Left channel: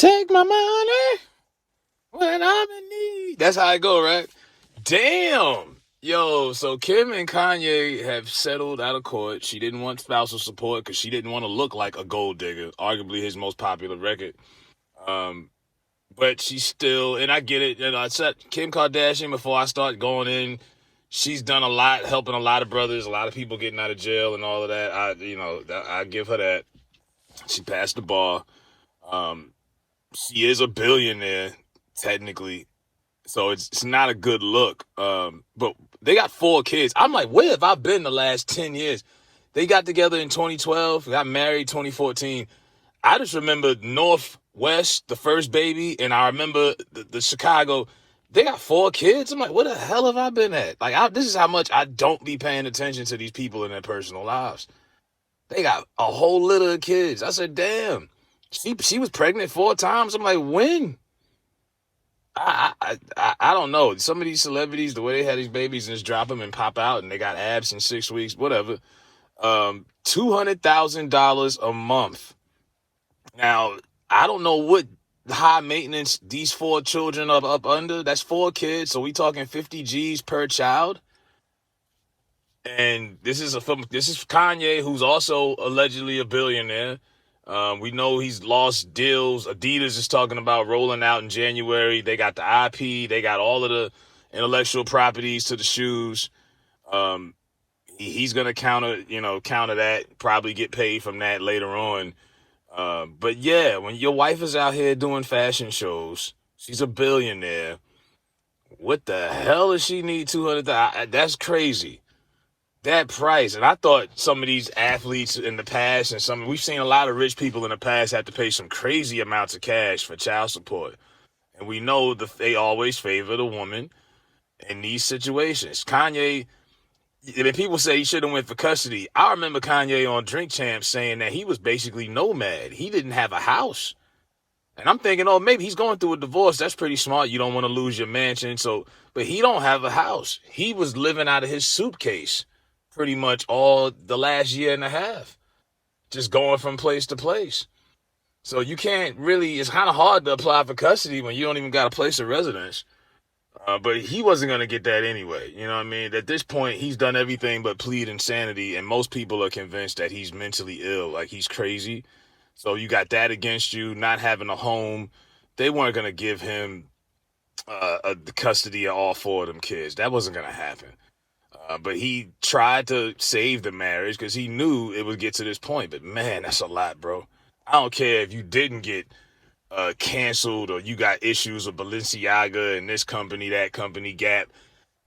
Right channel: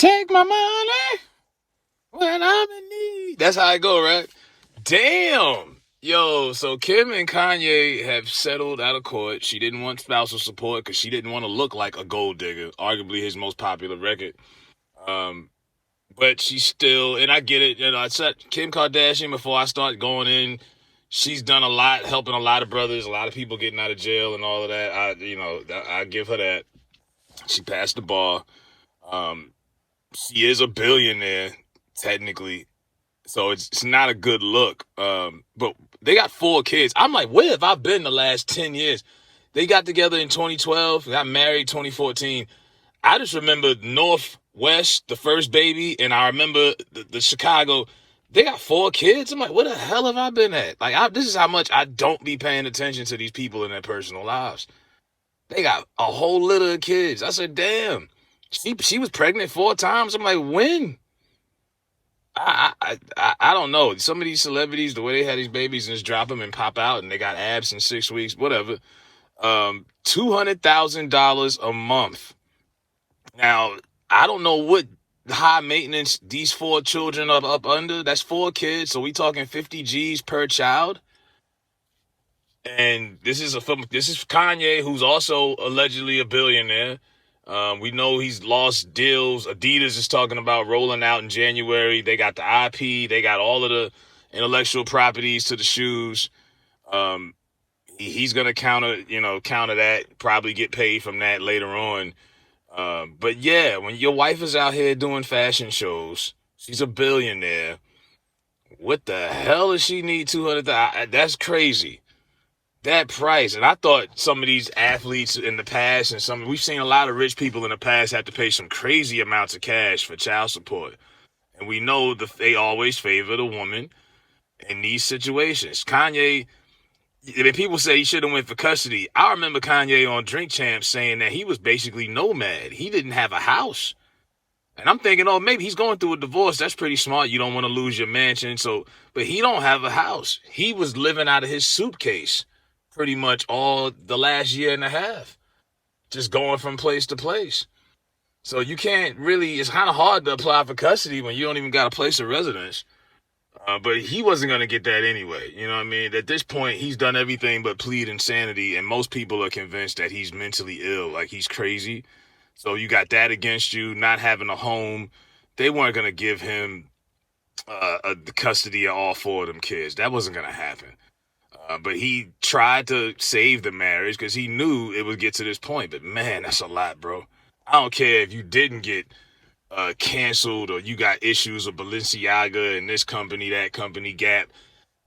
Take my money when I'm in need. That's how I go, right? Damn. Yo, so Kim and Kanye have settled out of court. She didn't want spousal support because she didn't want to look like a gold digger, arguably his most popular record. Um, but she's still, and I get it. You know, I said Kim Kardashian before I start going in. She's done a lot, helping a lot of brothers, a lot of people getting out of jail and all of that. I give her that. She passed the bar. She is a billionaire, technically. So it's not a good look. But they got 4 kids. I'm like, where have I been the last 10 years? They got together in 2012, got married 2014. I just remember Northwest, the first baby, and I remember the Chicago. They got 4 kids. I'm like, where the hell have I been at? Like, this is how much I don't be paying attention to these people in their personal lives. They got a whole litter of kids. I said, damn. She was pregnant 4 times. I'm like, when? I don't know. Some of these celebrities, the way they had these babies and just drop them and pop out and they got abs in 6 weeks, whatever. $200,000 a month. Now, I don't know what high maintenance these 4 children are up under. That's 4 kids, so we talking 50 G's per child. And this is Kanye, who's also allegedly a billionaire. We know he's lost deals. Adidas is talking about rolling out in January. They got the IP. They got all of the intellectual properties to the shoes. He's gonna counter that. Probably get paid from that later on. But yeah, when your wife is out here doing fashion shows, she's a billionaire. What the hell does she need $200,000? That's crazy. That price. And I thought some of these athletes in the past we've seen a lot of rich people in the past have to pay some crazy amounts of cash for child support. And we know they always favor the woman in these situations. Kanye, I mean, people say he should have went for custody. I remember Kanye on Drink Champs saying that he was basically nomad. He didn't have a house. And I'm thinking, oh, maybe he's going through a divorce. That's pretty smart. You don't want to lose your mansion. But he don't have a house. He was living out of his suitcase pretty much all the last year and a half, just going from place to place. So you can't really, it's kind of hard to apply for custody when you don't even got a place of residence. But he wasn't going to get that anyway. You know what I mean? At this point, he's done everything but plead insanity, and most people are convinced that he's mentally ill, like he's crazy. So you got that against you, not having a home. They weren't going to give him the custody of all 4 of them kids. That wasn't going to happen. But he tried to save the marriage because he knew it would get to this point. But man, that's a lot, bro. I don't care if you didn't get canceled or you got issues with Balenciaga and this company, that company, Gap.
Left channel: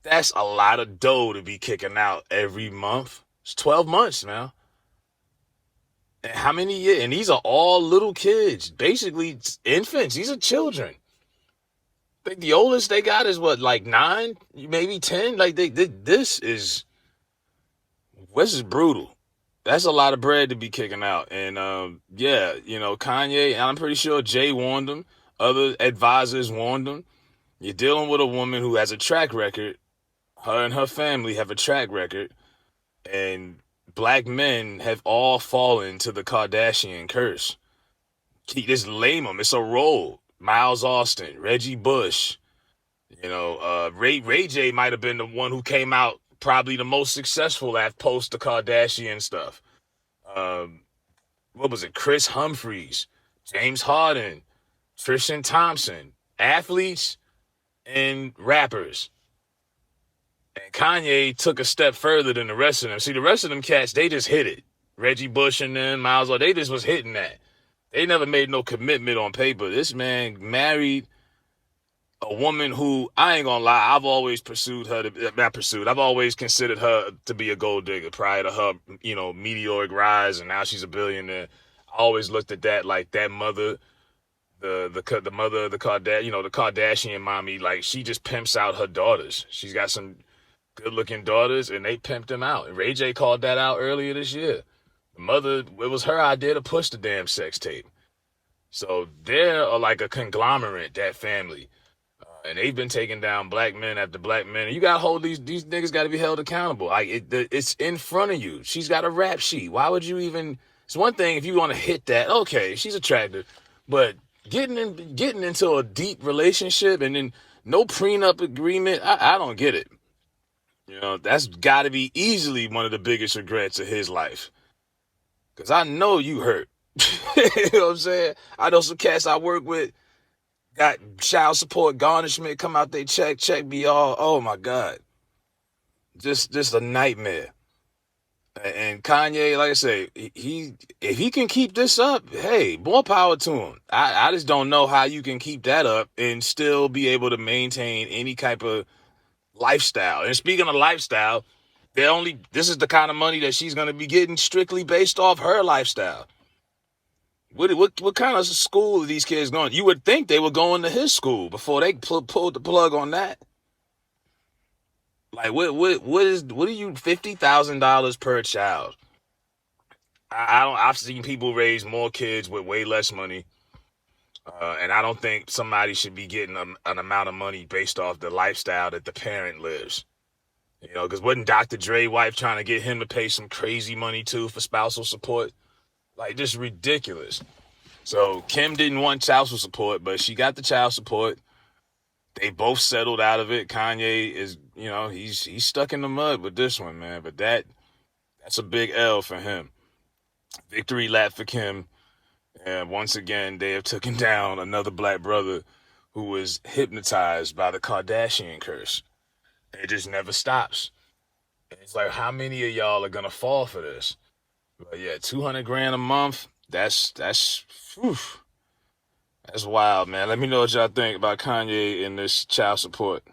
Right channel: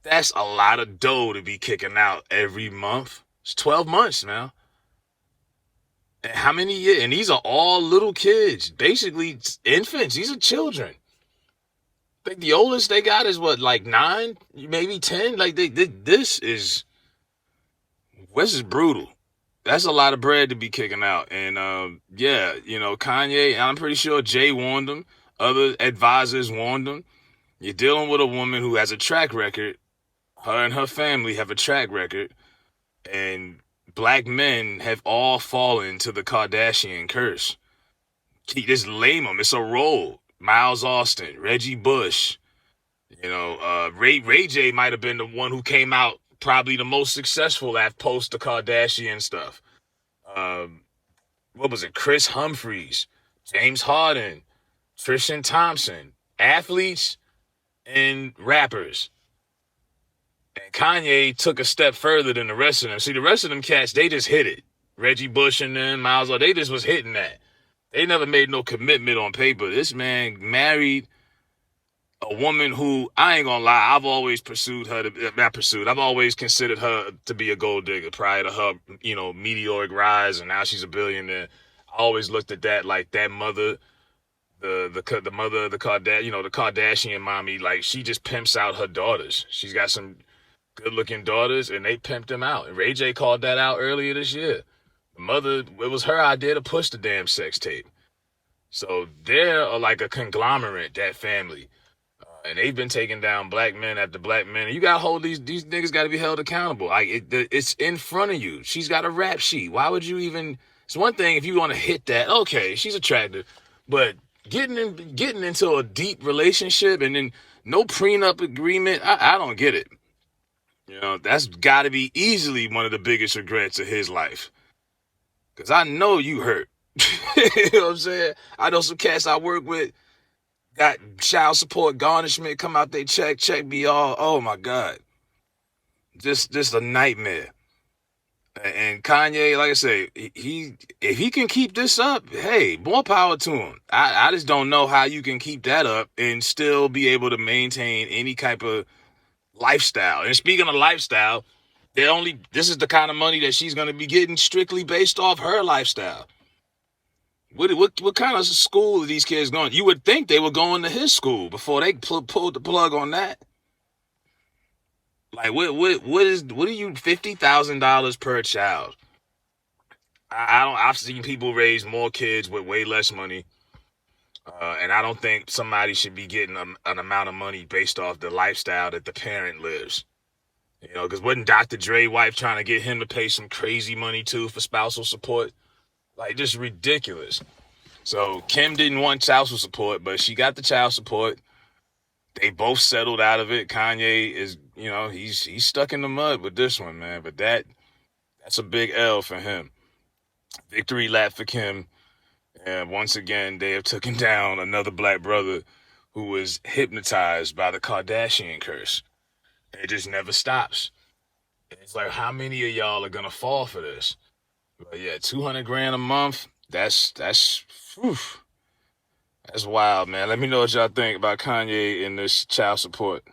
That's a lot of dough to be kicking out every month. It's 12 months, man. And how many years? And these are all little kids, basically infants. These are children. I think the oldest they got is what, like 9, maybe 10. Like this is brutal. That's a lot of bread to be kicking out. And yeah, Kanye, and I'm pretty sure Jay warned him. Other advisors warned him. You're dealing with a woman who has a track record. Her and her family have a track record, and black men have all fallen to the Kardashian curse. Just lame them. It's a role. Miles Austin, Reggie Bush, Ray J might have been the one who came out probably the most successful after post the Kardashian stuff. What was it? Chris Humphries, James Harden, Tristan Thompson, athletes and rappers. And Kanye took a step further than the rest of them. See, the rest of them cats, they just hit it. Reggie Bush and them, Miles, they just was hitting that. They never made no commitment on paper. This man married a woman who, I ain't gonna lie, I've always I've always considered her to be a gold digger prior to her, meteoric rise, and now she's a billionaire. I always looked at that like that mother, the mother of the Kardashian mommy, like she just pimps out her daughters. She's got some good-looking daughters, and they pimped them out. And Ray J called that out earlier this year. It was her idea to push the damn sex tape. So they're like a conglomerate, that family. And they've been taking down black men after black men. And you got to hold these niggas got to be held accountable. Like it's in front of you. She's got a rap sheet. Why would you even, it's one thing if you want to hit that, okay, she's attractive. But getting into a deep relationship and then no prenup agreement. I don't get it. You know, that's got to be easily one of the biggest regrets of his life. Because I know you hurt. You know what I'm saying? I know some cats I work with got child support garnishment come out they check me all. Oh my God. Just a nightmare. And Kanye, like I say, if he can keep this up, hey, more power to him. I just don't know how you can keep that up and still be able to maintain any type of lifestyle. And speaking of lifestyle, this is the kind of money that she's going to be getting strictly based off her lifestyle. What kind of school are these kids going? You would think they were going to his school before they pulled the plug on that. Like what are you $50,000 per child? I've seen people raise more kids with way less money, and I don't think somebody should be getting an amount of money based off the lifestyle that the parent lives. You know, because wasn't Dr. Dre wife trying to get him to pay some crazy money too for spousal support? Like, just ridiculous. So Kim didn't want child support, but she got the child support. They both settled out of it. Kanye is, you know, he's stuck in the mud with this one, man. But that's a big L for him. Victory lap for Kim. And once again, they have taken down another black brother who was hypnotized by the Kardashian curse. It just never stops. And it's like, how many of y'all are gonna fall for this? But yeah, $200,000 a month. That's wild, man. Let me know what y'all think about Kanye and this child support.